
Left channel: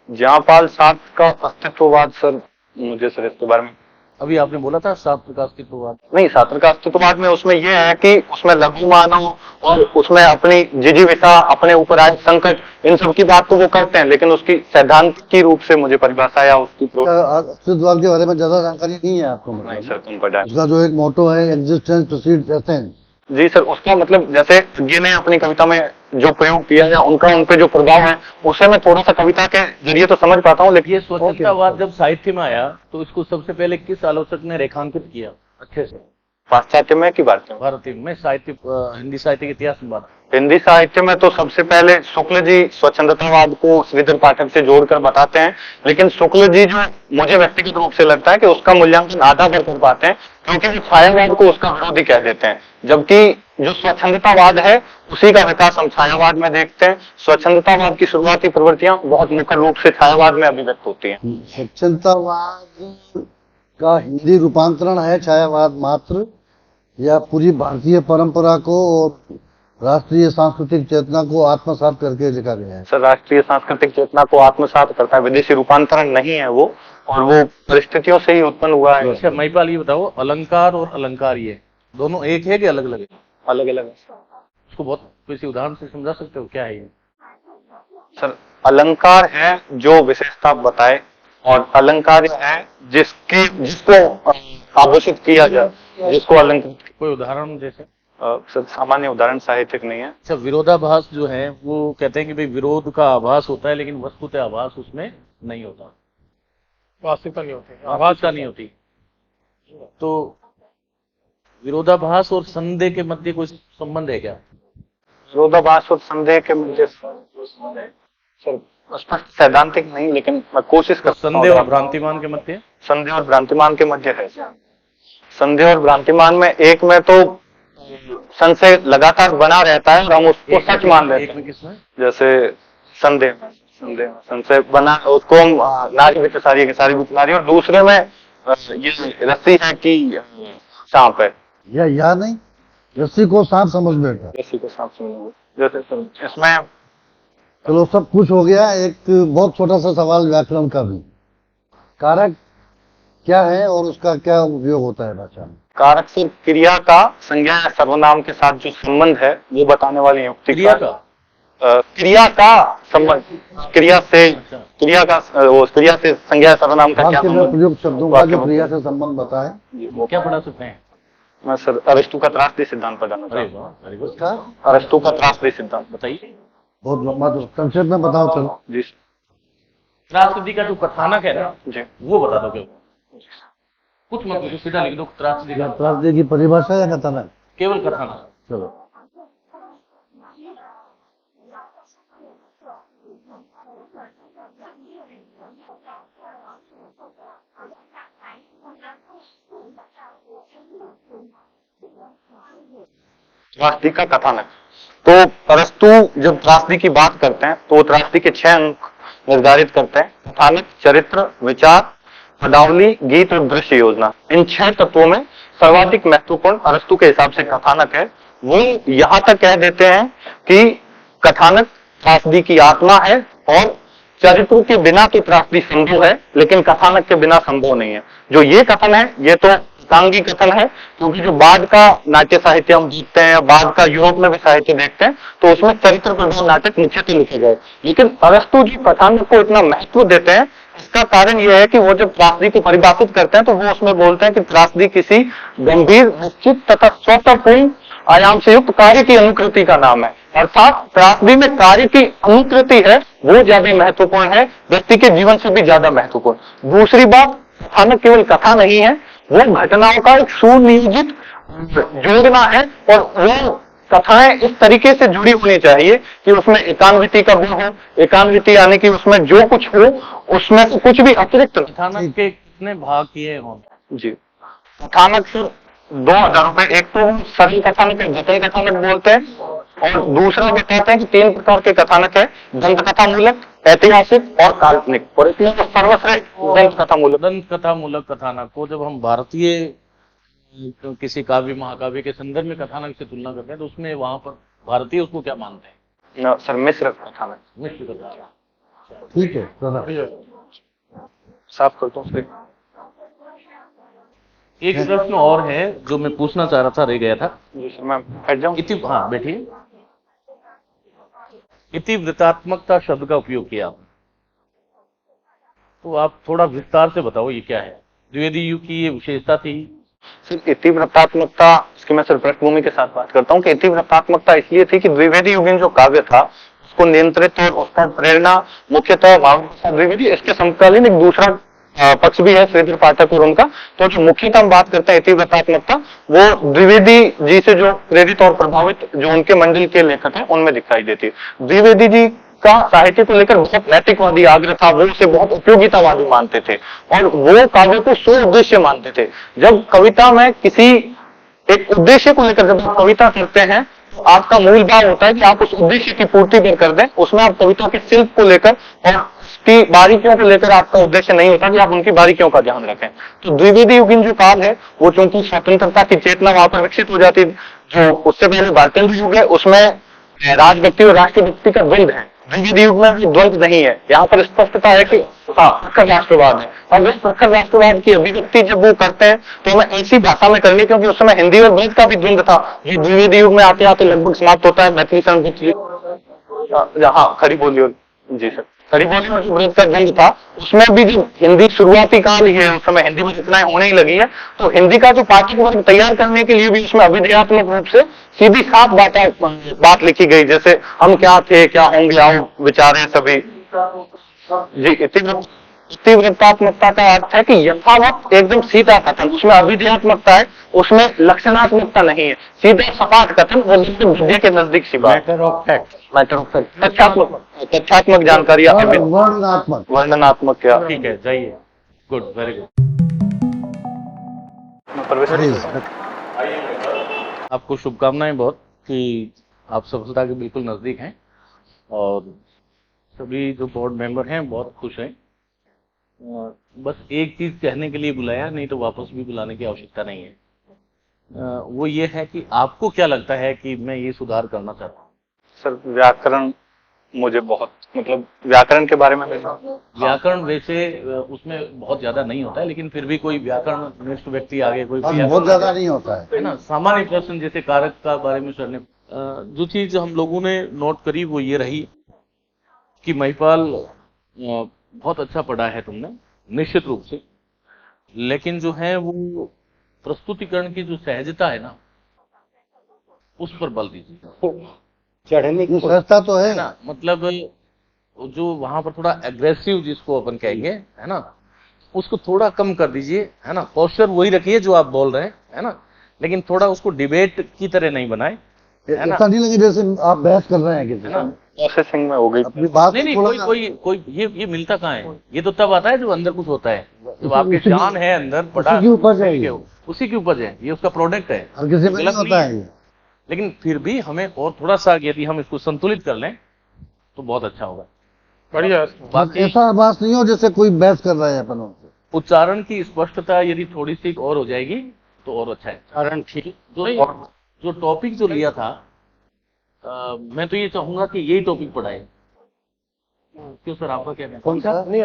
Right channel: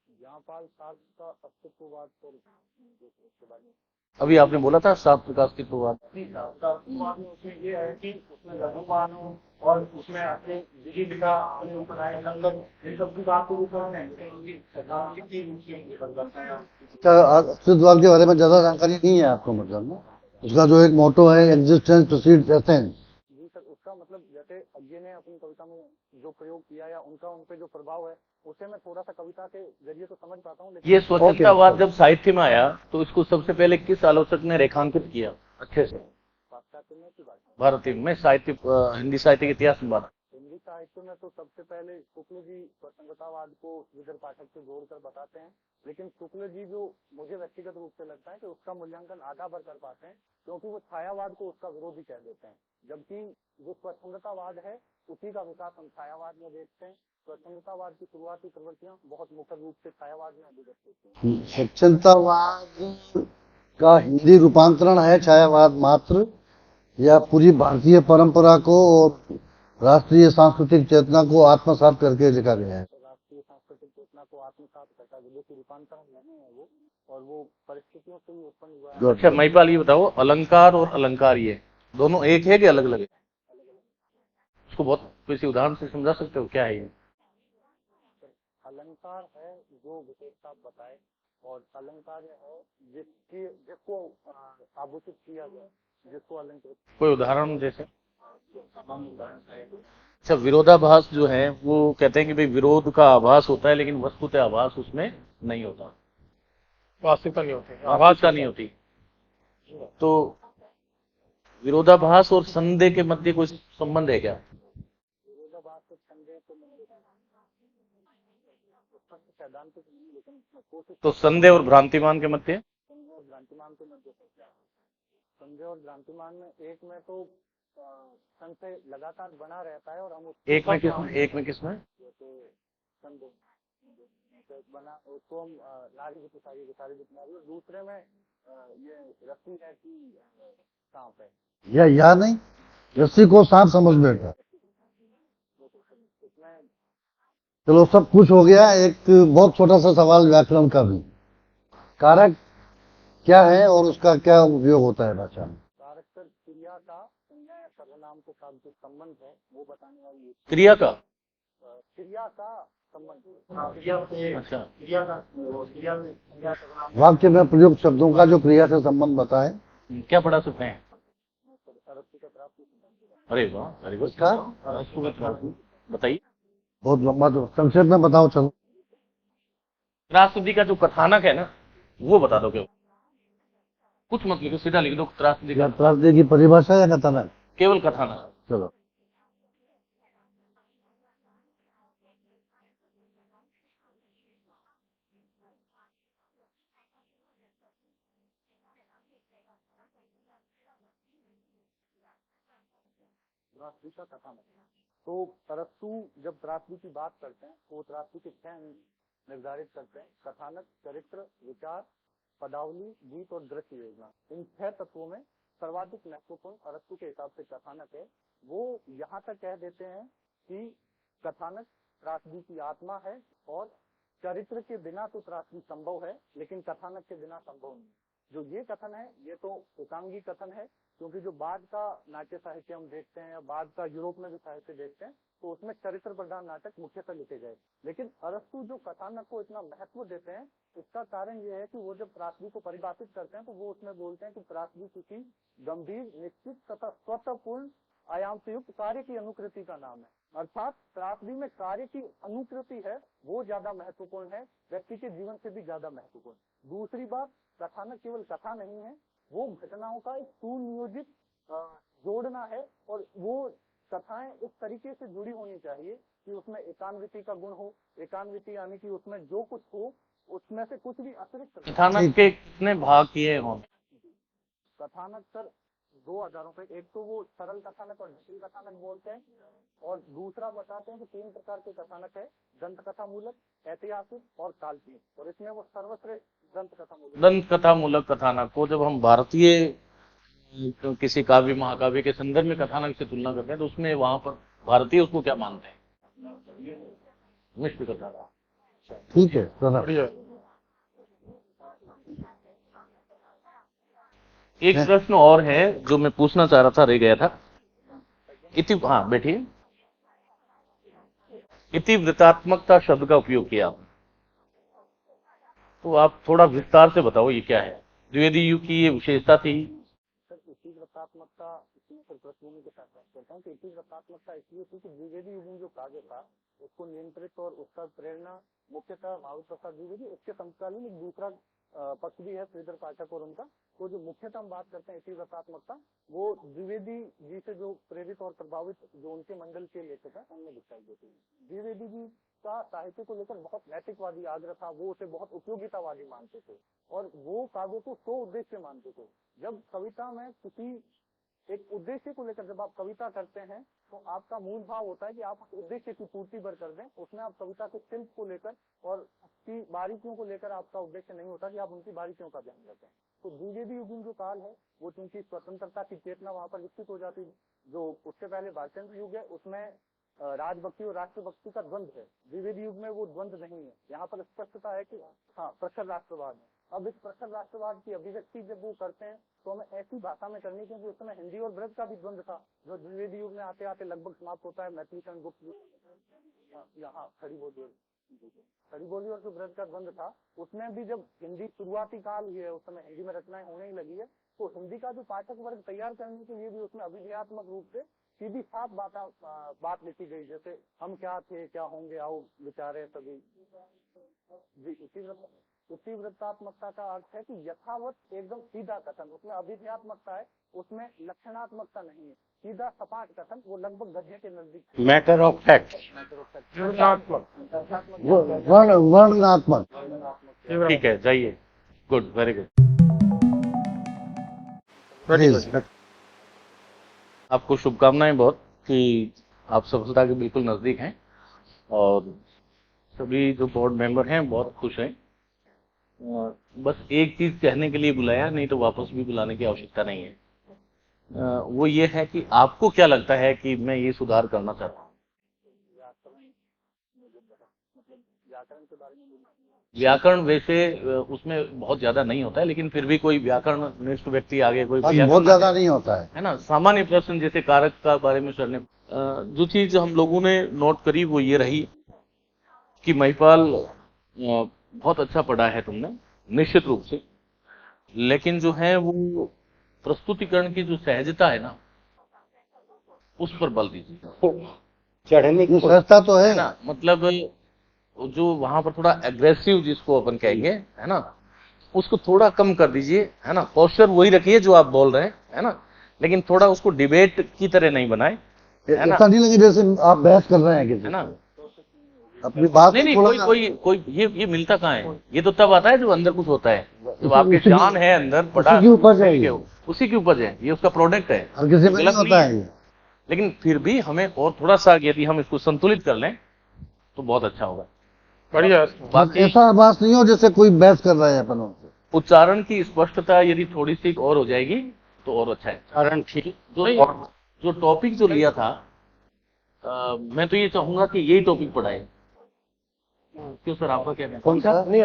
जहां पाल सार्त्र का अस्तित्ववाद, सर मुझे सर इसके बारे में अभी आपने बोला था सार्त्र का अस्तित्ववाद। नहीं, सार्त्र का अस्तित्ववाद में उसमें यह है कि उसमें लघु मानव और उसमें अपनी जिजीविका, अपने ऊपर आए संकट, इन सब की बात तो वो करते हैं, लेकिन उसकी सैद्धांतिक की रूप से मुझे परिभाषा या उसकी अस्तित्ववाद के बारे में ज्यादा जानकारी नहीं है आपको? नहीं मतलब सर, तुम पढ़ा। उसका जो एक मोटो है, एग्जिस्टेंस प्रीसीड्स एसेंस। जी सर, उसका मतलब जैसे ये ने अपनी कविता में जो प्रयोग किया या उनका उन पे जो प्रभाव है उसे मैं थोड़ा सा कविता के जरिए तो समझ पाता हूँ, लेकिन ये स्वच्छंदतावाद जब साहित्य में आया तो इसको सबसे पहले किस आलोचक ने रेखांकित किया अच्छे से? पाश्चात्य में की बात करूं? भारतीय में साहित्य, हिंदी साहित्य के इतिहास में बात। हिंदी साहित्य में तो सबसे पहले शुक्ल जी स्वच्छंदतावाद को श्रीधर पाठक से जोड़कर बताते हैं, लेकिन शुक्ल जी जो मुझे व्यक्तिगत रूप से लगता है कि उसका मूल्यांकन आधा कर पाते हैं, क्योंकि वो छायावाद को उसका विरोधी कह देते हैं, जबकि जो स्वच्छंदतावाद है उसी का विकास हम छायावाद में देखते हैं। स्वच्छंदतावाद की शुरुआती प्रवृत्तियां बहुत मुख्य रूप से छायावाद में अभिव्यक्त होती हैं। स्वच्छंदतावाद का हिंदी रूपांतरण है छायावाद मात्र, या पूरी भारतीय परंपरा को और राष्ट्रीय सांस्कृतिक चेतना को आत्मसात करके लिखा गया है? सर, राष्ट्रीय सांस्कृतिक चेतना को आत्मसात करता है, विदेशी रूपांतरण नहीं है वो, और वो परिस्थितियों से ही उत्पन्न हुआ है। अच्छा महिपाल, ये बताओ, अलंकार और अलंकार ये दोनों एक है कि अलग अलग है? अलग अलग। उसको बहुत किसी उदाहरण से समझा सकते हो क्या है ये? सर, अलंकार है जो विशेषता बताए, और अलंकार है जिसको आभूषित किया जाए, जिसको अलंकृत। कोई उदाहरण जैसे? सर, सामान्य उदाहरण साहित्यिक नहीं है। अच्छा, विरोधाभास जो है वो कहते हैं कि भाई विरोध का आभास होता है लेकिन वस्तुतः आभास उसमें नहीं होता, वास्तविकता नहीं होती, आभास नहीं होती। तो विरोधाभास और संदेह के मध्य कोई संबंध है क्या? विरोधाभास और संदेह के मध्य सर स्पष्ट सैद्धांतिक नहीं, लेकिन मैं कोशिश तो करता हूं। संदेह और भ्रांतिमान के मध्य? संदेह और भ्रांतिमान के मध्य है। संदेह और भ्रांतिमान में एक में तो संशय लगातार बना रहता है और हम उसको सच मान लेते हैं। एक में किसमें? जैसे संशय बना, उसको हम नारी विच सारी की सारी नारी, और दूसरे में ये रस्सी है कि सांप है, या नहीं, रस्सी को सांप समझ बैठा। रस्सी को सांप समझ। जैसे इसमें चलो सब कुछ हो गया, एक बहुत छोटा सा सवाल व्याकरण का भी। कारक क्या है और उसका क्या उपयोग होता है भाषा में? कारक से क्रिया का संज्ञा या सर्वनाम के साथ जो संबंध है वो बताने वाली युक्ति। क्रिया का क्रिया का संबंध, क्रिया से अच्छा। क्रिया का वो क्रिया से संज्ञा सर्वनाम का क्या वाक्य में संबंध? प्रयुक्त शब्दों का जो क्रिया से संबंध बताए। क्या पढ़ा सकते हैं? मैं सर अरिस्टो का त्रासदी सिद्धांत पढ़ाना अरे चाहता हूं। वाह, वेरी गुड। उसका अरिस्टो का त्रासदी सिद्धांत बताइए। बहुत लंबा, तो संक्षेप में बताओ चलो। जी सर। त्रासदी का जो कथानक है ना जी वो बता दो। क्या कुछ मत लिखो, सीधा लिख दो त्रासदी का। त्रासदी की परिभाषा या कथानक? केवल कथानक। चलो। त्रासदी का कथानक। तो अरस्तु जब त्रासदी की बात करते हैं तो त्रासदी के 6 अंक निर्धारित करते हैं: कथानक, चरित्र, विचार, पदावली, गीत और दृश्य योजना। इन 6 तत्वों में सर्वाधिक महत्वपूर्ण अरस्तु के हिसाब से कथानक है। वो यहाँ तक कह देते हैं कि कथानक त्रासदी की आत्मा है और चरित्र के बिना तो त्रासदी संभव है, लेकिन कथानक के बिना संभव नहीं है। जो ये कथन है ये तो एकांगी कथन है, क्योंकि जो बाद का नाट्य साहित्य हम देखते हैं या बाद का यूरोप में भी साहित्य देखते हैं तो उसमें चरित्र प्रधान नाटक मुख्यतः लिखे गए। लेकिन अरस्तु जी कथानक को इतना महत्व देते हैं, इसका कारण यह है कि वो जब त्रासदी को परिभाषित करते हैं तो वो उसमें बोलते हैं कि त्रासदी किसी गंभीर, निश्चित तथा स्वतःपूर्ण आयाम से युक्त कार्य की अनुकृति का नाम है। अर्थात त्रासदी में कार्य की अनुकृति है वो ज्यादा महत्वपूर्ण है, व्यक्ति के जीवन से भी ज्यादा महत्वपूर्ण। दूसरी बात, कथानक केवल कथा नहीं है, वो घटनाओं का एक सुनियोजित जोड़ना है, और वो कथाएं इस तरीके से जुड़ी होनी चाहिए कि उसमें एकान्विति का गुण हो। एकान्विति यानी कि उसमें जो कुछ हो उसमें से कुछ भी अतिरिक्त न। कथानक के कितने भाग किए हों? जी, कथानक सर 2000 रुपए। एक तो सरल कथानक है, जटिल कथानक बोलते हैं, और दूसरा भी कहते हैं कि 3 प्रकार के कथानक है, दंत कथा मूलक, ऐतिहासिक और काल्पनिक। और इसमें तो सर्वश्रेष्ठ दंत कथा मूलक। दंत कथा मूलक कथानक को जब हम भारतीय किसी काव्य महाकाव्य के संदर्भ में कथानक से तुलना करते हैं तो उसमें वहां पर भारतीय उसको क्या मानते हैं? सर मिश्र कथानक। मिश्र कथा। ठीक है सर। बढ़िया। साफ करता हूँ सर। एक प्रश्न और है जो मैं पूछना चाह रहा था, रह गया था। जी सर, मैं बैठ जाऊँ? हाँ बैठिए। इतिवृत्तात्मकता शब्द का उपयोग किया आपने, तो आप थोड़ा विस्तार से बताओ ये क्या है? द्विवेदी युग की ये विशेषता थी? सिर्फ इतिवृत्तात्मकता, इसकी मैं सिर्फ पृष्ठभूमि के साथ बात करता हूँ कि इतिवृत्तात्मकता इसलिए थी कि द्विवेदी युगीन जो काव्य था उसको नियंत्रित और उसका प्रेरणा मुख्यतः महावीर प्रसाद द्विवेदी। इसके समकालीन एक दूसरा पक्ष भी है श्रीधर पाठक और उनका। तो जो मुख्यतः हम बात करते हैं इतिवृत्तात्मकता, वो द्विवेदी जी से जो प्रेरित और प्रभावित जो उनके मंडल के लेखक हैं उनमें दिखाई देती है। द्विवेदी जी का साहित्य को लेकर बहुत नैतिकवादी आग्रह था, वो उसे बहुत उपयोगितावादी मानते थे और वो काव्य को स्व उद्देश्य मानते थे। जब कविता में किसी एक उद्देश्य को लेकर जब आप कविता करते हैं तो आपका मूल भाव होता है कि आप उस उद्देश्य की पूर्ति कर दें। उसमें आप कविता के शिल्प को लेकर और उसकी बारीकियों को लेकर आपका उद्देश्य नहीं होता कि आप उनकी बारीकियों का ध्यान रखें। तो द्विवेदी युगीन जो काल है वो चूंकि स्वतंत्रता की चेतना वहां पर विकसित हो जाती, जो उससे पहले भारतेंद्र युग है उसमें राजभक्ति और राष्ट्रभक्ति का द्वंद है। द्विवेदी युग में भी द्वंद नहीं है। यहाँ पर स्पष्टता है कि प्रखर राष्ट्रवाद है, और इस प्रखर राष्ट्रवाद की अभिव्यक्ति जब वो करते हैं तो हमें ऐसी भाषा में करनी, क्योंकि उस समय हिंदी और ब्रज का भी द्वंद था। ये द्विवेदी युग में आते आते लगभग समाप्त होता है। मैथिली संस्कृत, हाँ खड़ी बोली, जी सर, खड़ी बोली और जो ब्रज का द्वंद था उसमें भी जो हिंदी शुरुआती काल ही है, उस समय हिंदी में रचनाएं होने ही लगी है। तो हिंदी का जो पाठक वर्ग तैयार करने के लिए भी उसमें अभिधेयात्मक रूप से सीधी साफ बात लिखी गई, जैसे हम क्या थे क्या होंगे आओ विचारें सभी। जी, इतिवृत्तात्मकता का अर्थ है कि यथावत एकदम सीधा कथन, उसमें अभिधेयात्मकता है, उसमें लक्षणात्मकता नहीं है, सीधा सपाट कथन, वो विद्या के नजदीक सी बात। Matter of fact. Matter of fact, तथ्यात्मक जानकारी, वर्णनात्मक। वर्णनात्मक क्या? ठीक है, जाइए। Good, very good. आपको शुभकामनाएं बहुत कि आप सफलता के बिल्कुल नजदीक हैं, और सभी जो बोर्ड मेंबर हैं बहुत खुश हैं। बस एक चीज कहने के लिए बुलाया, नहीं तो वापस भी बुलाने की आवश्यकता नहीं है। वो ये है कि आपको क्या लगता है कि मैं ये सुधार करना चाहता हूँ? सर व्याकरण मुझे बहुत, मतलब व्याकरण के बारे में व्याकरण वैसे उसमें बहुत ज्यादा नहीं होता है, लेकिन फिर भी कोई व्याकरण निष्ठ व्यक्ति आगे कोई बहुत ज्यादा नहीं होता है ना। सामान्य प्रश्न जैसे कारक का बारे में सर ने जो चीज हम लोगों ने नोट करी वो ये रही कि महिपाल बहुत अच्छा पढ़ा है तुमने, निश्चित रूप से, लेकिन जो है वो प्रस्तुतिकरण की जो सहजता है ना उस पर बल दीजिए। चढ़ने की सहजता तो है ना, मतलब जो वहां पर थोड़ा एग्रेसिव जिसको अपन कहेंगे है ना, उसको थोड़ा कम कर दीजिए, है ना। पोस्चर वही रखिए जो आप बोल रहे हैं, है ना, लेकिन थोड़ा उसको डिबेट की तरह नहीं बनाए, है ना। ऐसा नहीं लगे जैसे आप बहस कर रहे हैं किसी, है ना। प्रोसेसिंग में हो गई अपनी बात नहीं, कोई ये मिलता कहाँ है? ये तो तब आता है जब अंदर कुछ होता है, जब आपके जान है अंदर पड़ा, उसी की उपज है ये। उसी की उपज है, ये उसका प्रोडक्ट है, हर किसी में नहीं होता है ये। लेकिन फिर भी हमें और थोड़ा सा यदि हम इसको संतुलित कर लें तो बहुत अच्छा होगा। बढ़िया। बाकी ऐसा बात नहीं हो जैसे कोई बहस कर रहा है अपनों से। उच्चारण की स्पष्टता यदि थोड़ी सी और हो जाएगी तो और अच्छा है। कारण ठीक जो टॉपिक जो लिया था, मैं तो ये चाहूंगा कि यही टॉपिक पढ़ाए। क्यों सर, आपका क्या कहना है? कौन सा? नहीं,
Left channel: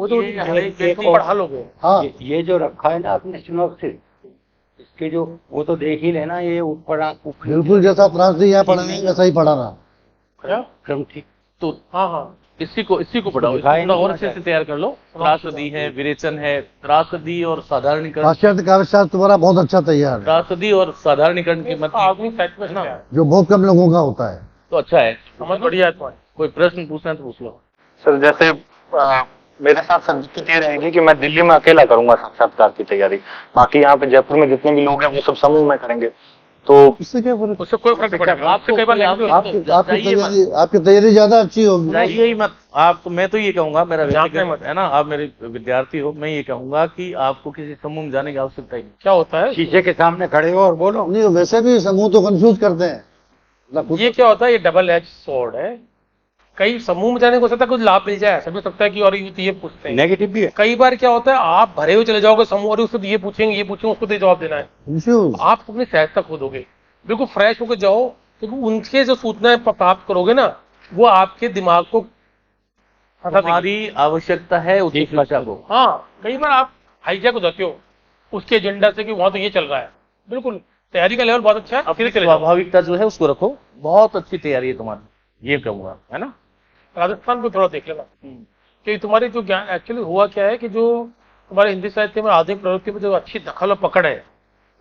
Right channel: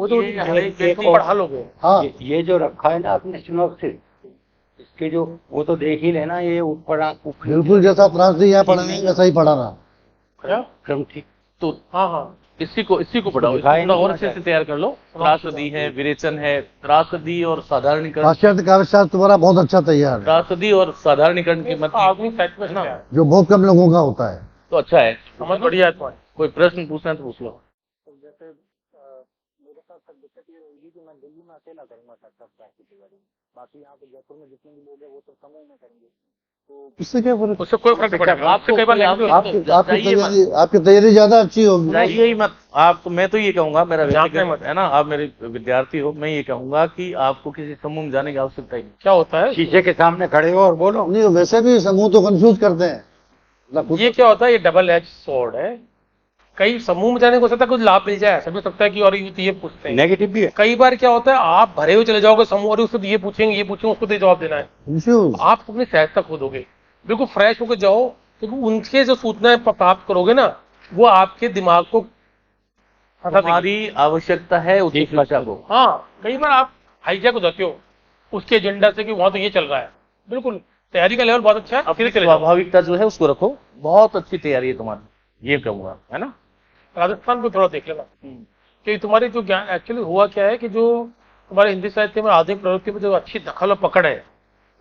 वो तो ये तुम पढ़ा लोगे। हाँ ये जो रखा है ना आपने सिनॉप्सिस, इसके जो वो तो देख ही लेना, ये ऊपर बिल्कुल जैसा त्रासदी यहाँ पढ़ाएंगे वैसा ही पढ़ाना। क्या? क्रम ठीक। तो हाँ हाँ इसी को पढ़ाओ, इसको दिखाई थोड़ा नहीं और अच्छे से तैयार कर लो। त्रासदी है, विरेचन है, त्रासदी और साधारणीकरण, पाश्चात्य काव्यशास्त्र तुम्हारा बहुत अच्छा तैयार है, त्रासदी और साधारणीकरण की मत आधुनिक साहित्य में ना जो बहुत कम लोगों का होता है। तो अच्छा है। समझ बढ़िया है तुम्हारी। कोई प्रश्न पूछना है तो पूछ लो। सर जैसे मेरे साथ सब दिक्कत ये रहेगी कि मैं दिल्ली में अकेला करूंगा साक्षात्कार की तैयारी, बाकी यहाँ पे जयपुर में जितने भी लोग हैं वो सब समूह में करेंगे, तो इससे क्या फर्क? उससे कोई फर्क नहीं पड़ेगा। आपसे कई बार लैंग्वेज आपकी तैयारी ज्यादा अच्छी होगी। जाइए ही मत आप, तो मैं तो ये कहूंगा, मेरा जाते व्यक्तिगत मत। है ना, आप मेरे विद्यार्थी हो, मैं ये कहूंगा कि आपको किसी समूह में जाने की आवश्यकता ही नहीं। क्या होता है, शीशे के सामने खड़े हो और बोलो। नहीं वैसे भी समूह तो कंफ्यूज करते हैं ना खुद। ये क्या होता है, ये डबल एज स्वॉर्ड है। कई समूह में जाने को हो सकता है कुछ लाभ मिल जाए, ऐसा भी हो सकता है कि और ये पूछते हैं। नेगेटिव भी है। कई बार क्या होता है, आप भरे हुए चले जाओगे समूह और उसको ये पूछेंगे उसको तो जवाब देना है। कंफ्यूज। आप अपनी सहजता खो दोगे। बिल्कुल फ्रेश होकर जाओ, क्योंकि उनके जो सूचनाएं प्राप्त करोगे ना, वो आपके दिमाग को फंसा देंगी। हमारी आवश्यकता है उच्च शिक्षा को। हाँ, कई बार आप हाईजैक हो जाते हो उसके एजेंडा से कि वहां तो ये चल रहा है। बिल्कुल तैयारी का लेवल बहुत अच्छा है, अपनी फिर चले जाओ। स्वाभाविकता जो है उसको रखो, बहुत अच्छी तैयारी है तुम्हारी, ये कहूंगा, है ना। राजस्थान को थोड़ा देख लेना, कि तुम्हारी जो ज्ञान एक्चुअली हुआ क्या है कि जो तुम्हारे हिंदी साहित्य में आधुनिक प्रवृत्ति में जो अच्छी दखल और पकड़ है,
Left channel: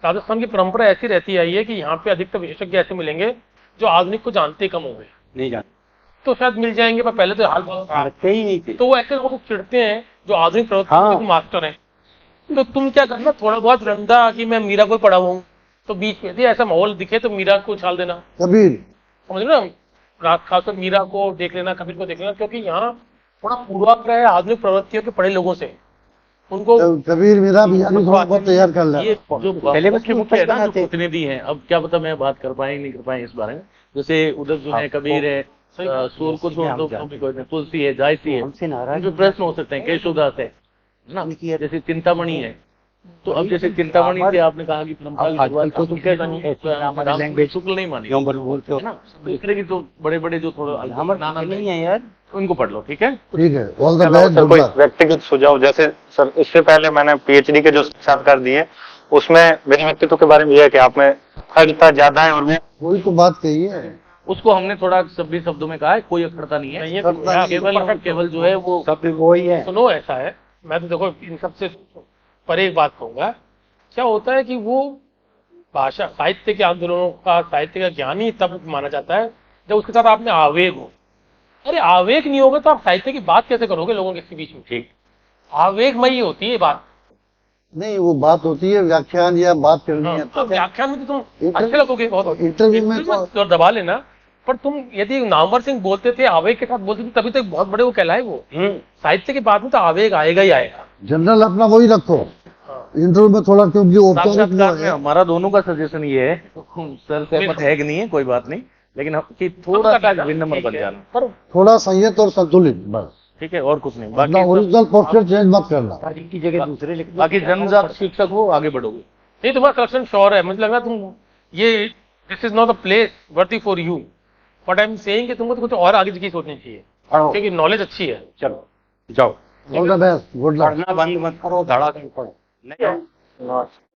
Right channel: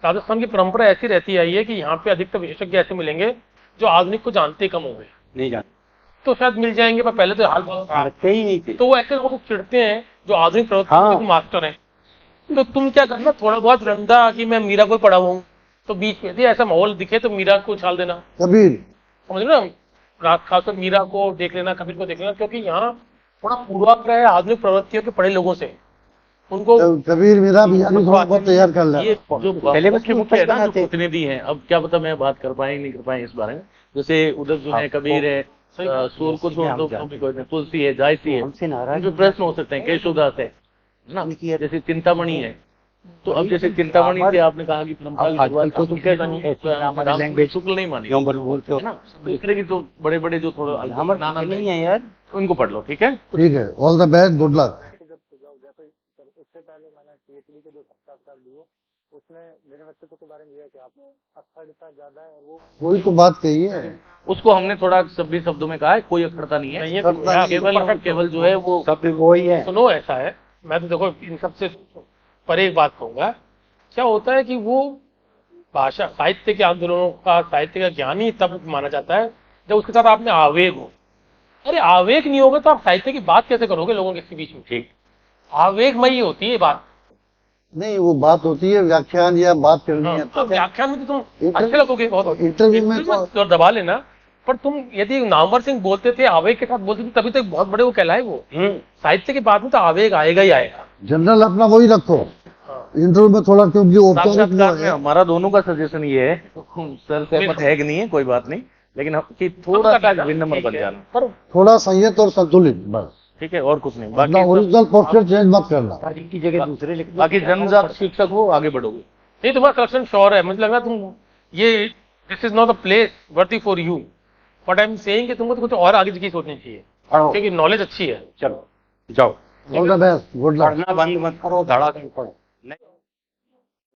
राजस्थान की परंपरा ऐसी रहती आई है कि यहाँ पे अधिकतर विशेषज्ञ ऐसे मिलेंगे जो आधुनिक को जानते कम हो गए। नहीं जानते, तो शायद मिल जाएंगे, पर पहले तो हाल बहुत खराब। पढ़ते ही नहीं थे। तो वो ऐसे लोगों को चिढ़ते हैं जो आधुनिक प्रवृत्ति हाँ। के मास्टर हैं। तो तुम क्या करना, थोड़ा बहुत रंदा कि मैं मीरा को पढ़ा हूँ, तो बीच में यदि ऐसा माहौल दिखे तो मीरा को उछाल देना, कबीर। समझ लो ना। रात खासकर मीरा को देख लेना, कबीर को देख लेना, क्योंकि यहाँ थोड़ा पूर्वाग्रह है आधुनिक प्रवृत्तियों के पढ़े लोगों से। उनको कबीर मेरा भी यानी थोड़ा बहुत तैयार कर ये लेना। जो सिलेबस के मुख्य है ना, जो बनाते। प्रतिनिधि हैं, अब क्या पता मैं बात कर पाए नहीं कर पाए इस बारे में। जैसे उधर जो है कबीर है, सूर को छोड़ दो, तुलसी है, जायसी है, हमसे नाराज जो प्रश्न हो सकते हैं, केशवदास है ना, जैसे चिंतामणि है। तो अब जैसे चिंतामणि से आपने कहा कि परंपरा की शुरुआत तो लैंग्वेज शुक्ल नहीं मानी, क्यों बोलते हो है ना। दूसरे की तो बड़े बड़े जो थोड़ा हमारे नहीं है यार। उनको पढ़ लो, ठीक है। ठीक है, all the best, sir good कोई लक। व्यक्तिगत सुझाव, जैसे सर इससे पहले मैंने पीएचडी के जो साक्षात्कार दिए उसमें मेरे व्यक्तित्व के बारे में यह है कि आप में अखंडता ज्यादा है और मैं वही तो बात कही है। उसको हमने थोड़ा सभी शब्दों में कहा है, कोई अखड़ता नहीं नहीं है, है, तो केवल जो है वो सब वही है। सुनो, ऐसा है, मैं तो देखो इन सबसे परे एक बात कहूंगा। क्या होता है कि वो भाषा साहित्य के आंदोलनों का, साहित्य का ज्ञानी तब माना जाता है जब उसके साथ आप में आवेग हो। अरे आवेग नहीं होगा तो आप साहित्य की बात कैसे करोगे लोगों के बीच में? ठीक, आवेगमयी होती है बात। नहीं वो बात होती है व्याख्यान या बात करनी है तो व्याख्यान में तो तुम इंटरव्यू- अच्छे लगोगे बहुत, इंटरव्यू में इंटरव्यू में तो दबा लेना। पर तुम यदि नामवर सिंह बोलते थे, आवेग के साथ बोलते थे, तभी तो एक बहुत बड़े वो कहलाए वो। साहित्य की बात में तो आवेग आएगा ही आएगा। जनरल अपना वही रखो। हाँ। इंटरव्यू में थोड़ा क्योंकि औपचारिक साक्षात्कार में है। हमारा दोनों का सजेशन ये है, सर सहमत है कि नहीं है कोई बात नहीं, लेकिन कि थोड़ा सा विनम्र बन जाना, पर थोड़ा संयत और संतुलित बस। ठीक है, और कुछ नहीं। अपना बाकी ओरिजिनल पोस्टर चेंज मत करना। तारीख की जगह दूसरे लिख दो। बाकी जन्मजात शिक्षक हो, आगे बढ़ोगे। नहीं, तुम्हारा कलेक्शन श्योर है। मुझे लग रहा है तुम ये this is not a place worthy for you. But I am saying कि तुमको तो कुछ और आगे की सोचनी चाहिए, पढ़ो, क्योंकि नॉलेज अच्छी है। चलो जाओ। All the best, good luck. पढ़ना बंद मत करो, धड़ाधड़ पढ़ो। नहीं नमस्कार।